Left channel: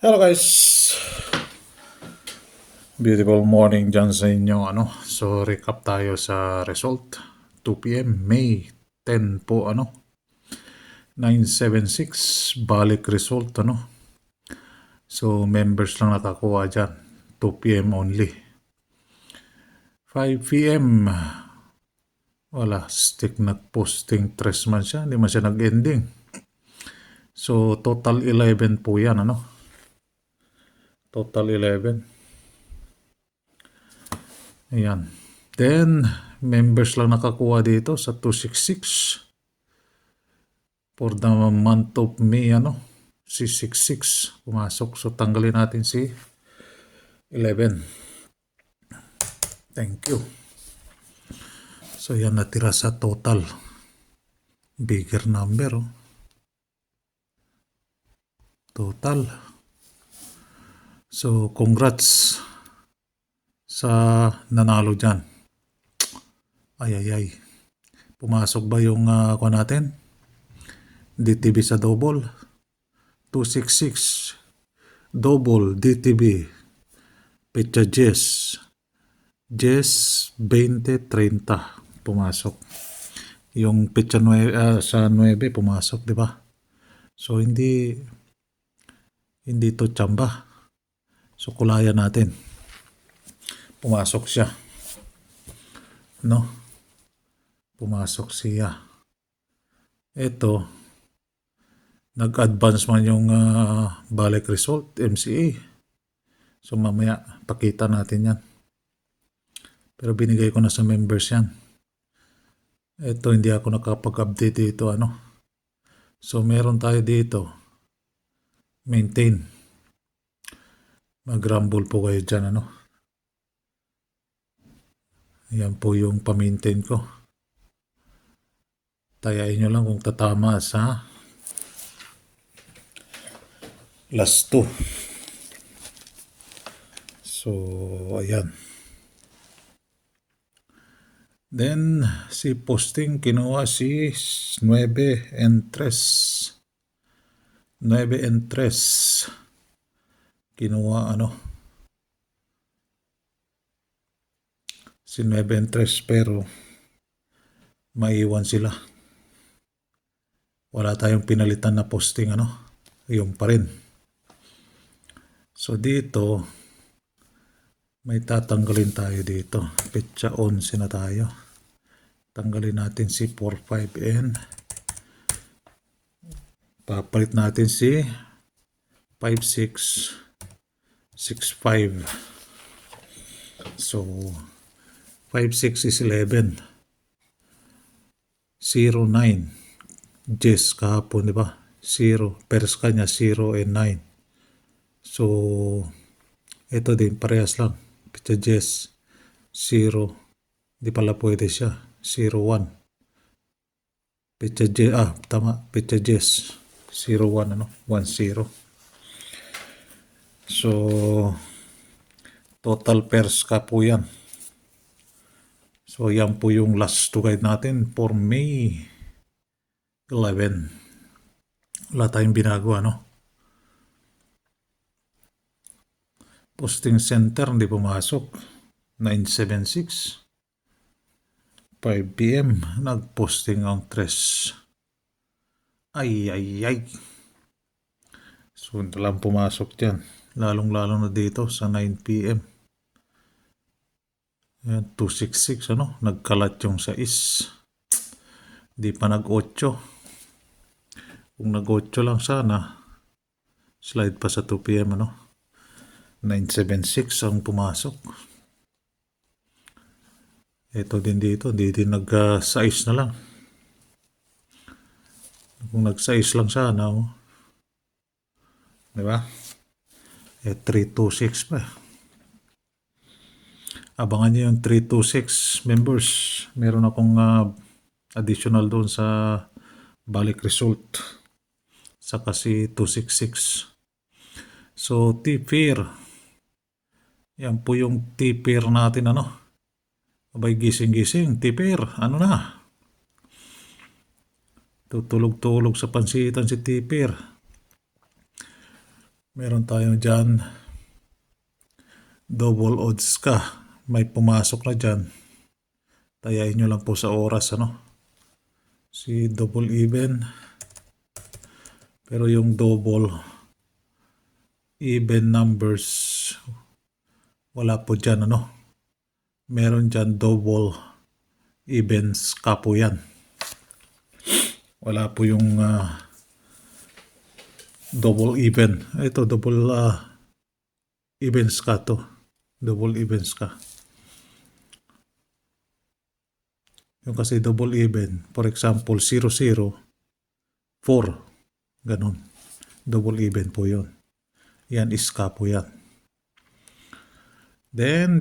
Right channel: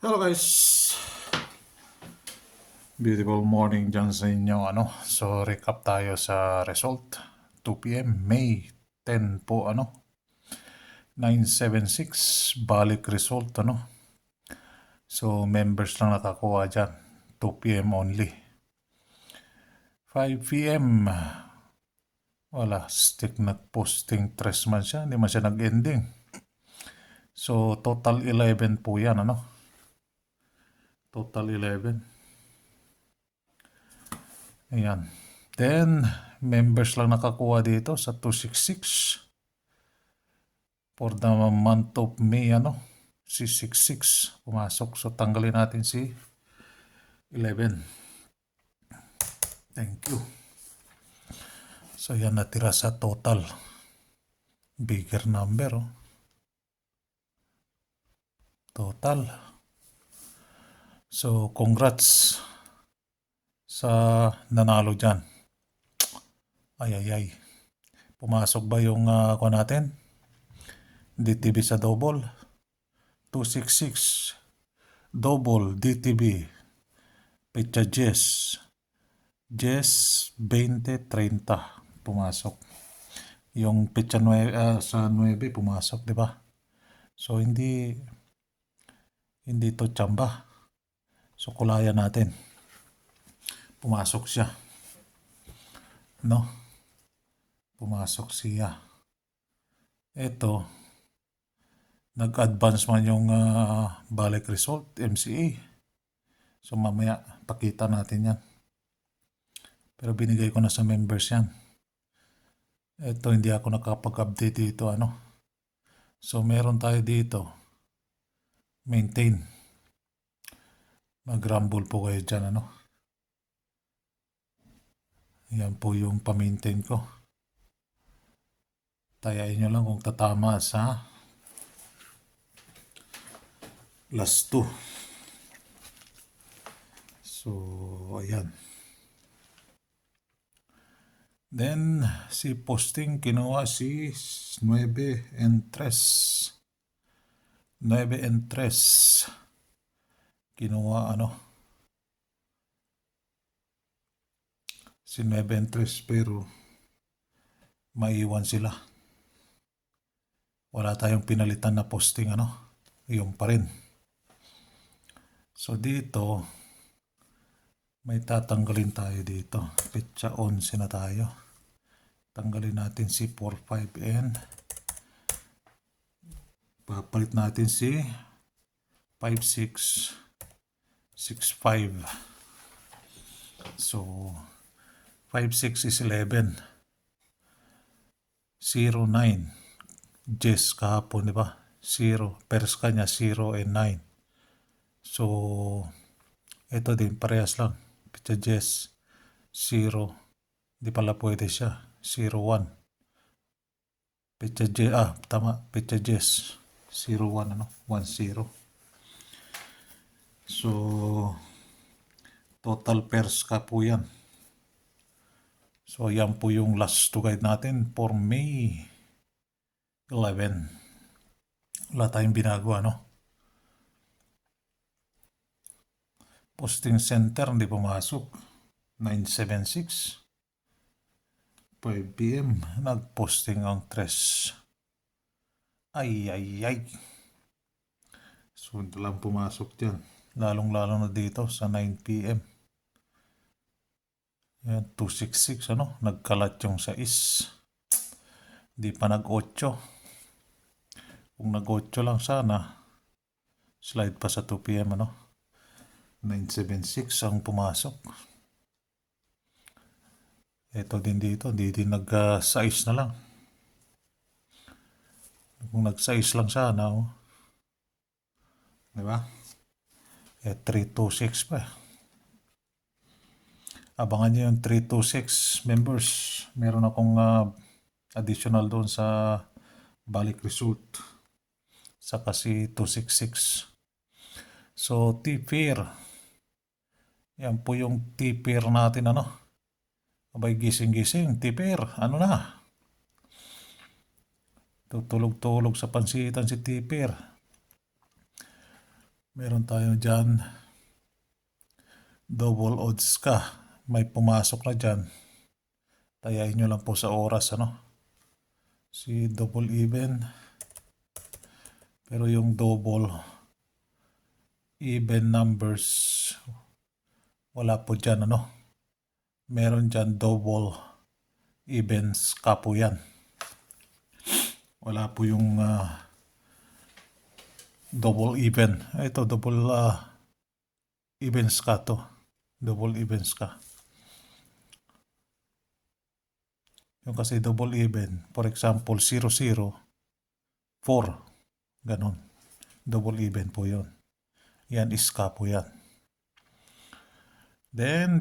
Hello guys! Beautiful morning dyan sa inyo. So recap tayo sa result. 2 p.m. May 10 po 976 balik result So members lang nakakuha dyan. 2 p.m. only. 5 p.m. Wala, stick nag-posting 3 man siya. Hindi man siya nag-ending. So total 11 po yan Total 11. Ayan. Then, members lang nakakuha dito sa 266. For the month of May, si 66 pumasok. So, tanggalin natin si 11. Thank you. So, yan natira sa total. Bigger number, Total. So, congrats sa nanalo dyan. Ay. Pumasok ba yung kuha natin? DTB sa double. 266. Double DTB. Pecha Jess 20-30 pumasok. Yung pecha sa 9 pumasok, di ba? So hindi to tsamba. So kulayan natin. Pumasok siya. Pumasok siya. Ito, nag-advance man yung balik result, MCA. So mamaya pakita natin yan. Pero binigay ko na sa members yan. Ito, hindi ako nakapag-update dito So meron tayo dito. Maintain. Mag-rumble po kayo dyan Yan po yung pa-maintain ko. Tayain nyo lang kung tatama sa last 2. So, ayan. Then, si posting kinuha si 9 and 3. 9 and 3. Kinuha si 9 and 3 pero maiwan sila. Wala tayong pinalitan na posting yung pa rin. So dito may tatanggalin tayo dito. Petsa 11 na tayo. Tanggalin natin si 45N. Papalit natin si 5665. So 56 is 11. 09. Jess kahapon, di ba? 0. Pers kanya 0 and 9. So, ito din, parehas lang. Pecha Jess 0. Di pala pwede siya. 0-1. Pecha Jess, tama. Pecha Jess 0-1, 1-0. So, total pairs ka po yan. So, yan po yung last to guide natin for May 11. Wala tayong binago, Posting center, hindi pumasok. 976. 5 p.m. Nagposting ang 3. Ay. So, lang pumasok dyan. Lalong-lalo na dito sa 9 p.m. Ayan, 266, Nagkalat yung 6. Di pa nag-8. Kung nag-8 lang sana, slide pa sa 2 p.m. 976 ang pumasok. Ito din dito, hindi din nag-size na lang. Kung nag-size lang sana, di ba? 326 pa. Abangan nyo yung 326 members. Meron akong additional doon sa balik result. Saka si 266. So, T-pair. Yan po yung T-pair natin, Abay, gising-gising. T-pair, na? Tutulog-tulog sa pansitan si T-pair. Meron tayo dyan, double odds ka. May pumasok na dyan. Tayain nyo lang po sa oras, ano? Si double even. Pero yung double even numbers, wala po dyan, ano? Meron dyan double evens ka po yan. Wala po yung double even. Ito, double evens ka to. Double evens ka. Yung kasi double even, for example, 0, 0, 4. Ganon. Double even po yun. Yan is ka po yan. Then,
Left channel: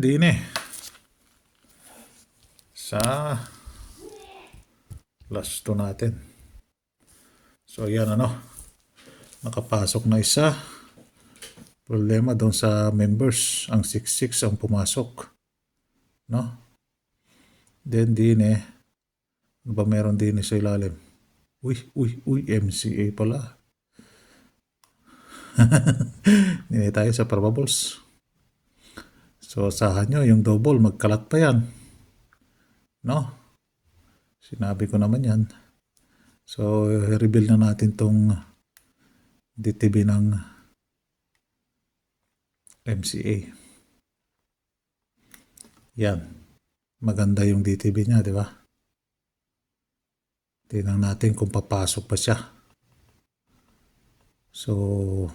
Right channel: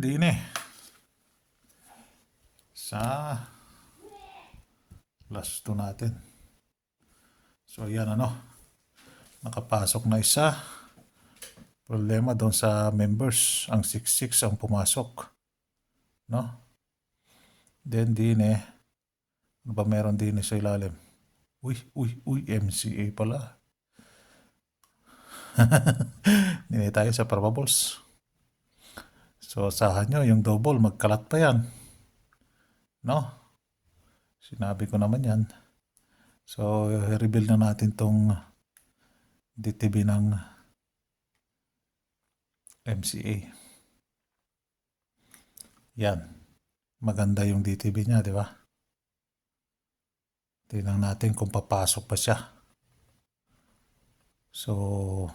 sa last 2 natin. So, yan ano. Nakapasok na isa. Problema doon sa members. Ang 66 ang pumasok. No? Then, ano ba meron sa ilalim? Uy, MCA pala. Dine tayo sa probables. So, asahan nyo, yung double, magkalat pa yan. No? Sinabi ko naman yan. So, reveal na natin tong DTB ng MCA. Yan. Maganda yung DTB niya, di ba? Tingnan natin kung papasok pa siya. So,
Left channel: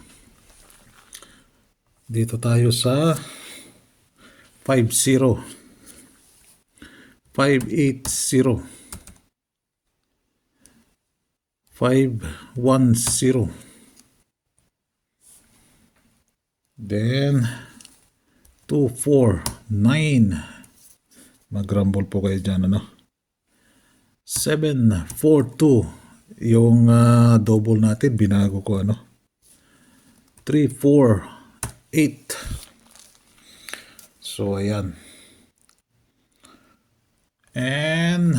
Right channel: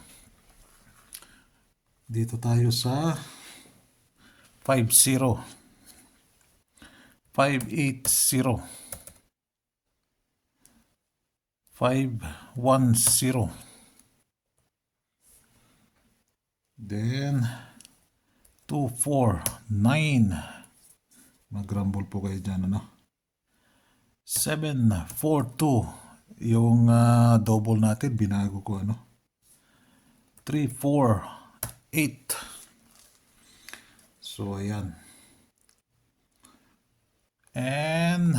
dito tayo sa 5-0. 5-8-0. 5-1-0. Then 2-4-9. Mag-rumble po kayo dyan, ano? 7-4-2. Yung double natin, binago ko, ano? 3-4-8. So, ayan. And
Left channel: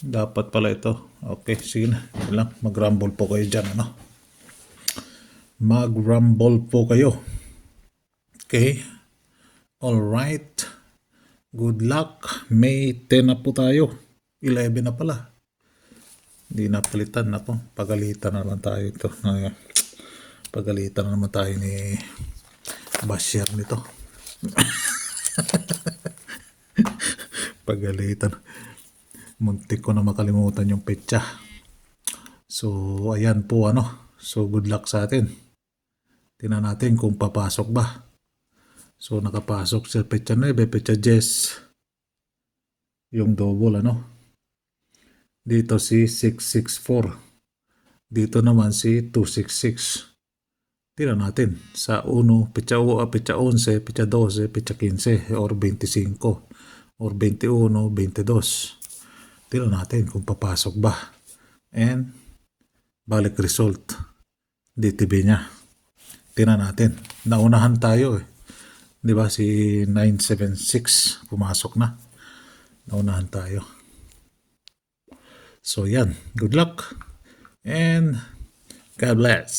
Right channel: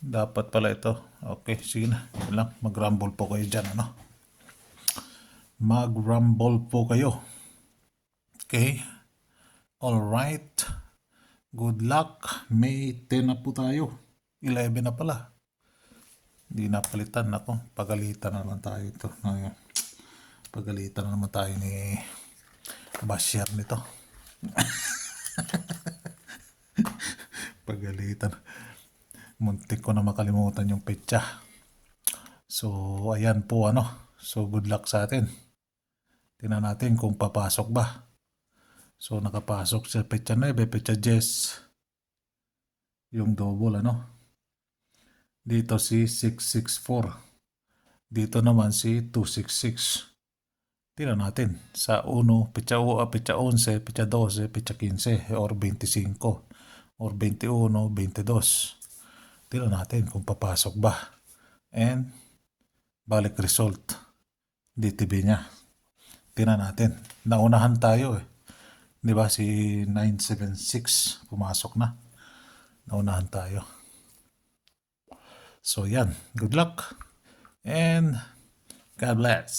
dapat pala ito. Okay, sige na. Yan lang. Mag-rumble po kayo dyan, ano? Mag-rumble po kayo. Okay? Alright. Good luck. May 10 na po tayo. 11 na pala. Hindi na palitan. Ako, pagalitan na naman tayo ito. Pagalitan na naman tayo ni Bashir nito. Pagalitan. Muntik ko na makalimutan yung petsa. So, ayan po, ano. So, good luck sa atin. Tingnan natin kung papasok ba. So, nakapasok sa petsa 9, petsa 10. Yung double, ano. Dito si 664. Dito naman si 266. Tingnan natin. Sa 1, petsa 11, petsa 12, petsa 15, or 25, or 21, 22. Tingnan natin kung papasok ba. And, balik result. DTB niya. Tingnan natin. Naunahan tayo eh. Di ba si 976 pumasok na. Naunahan tayo. So yan. Good luck. And God bless.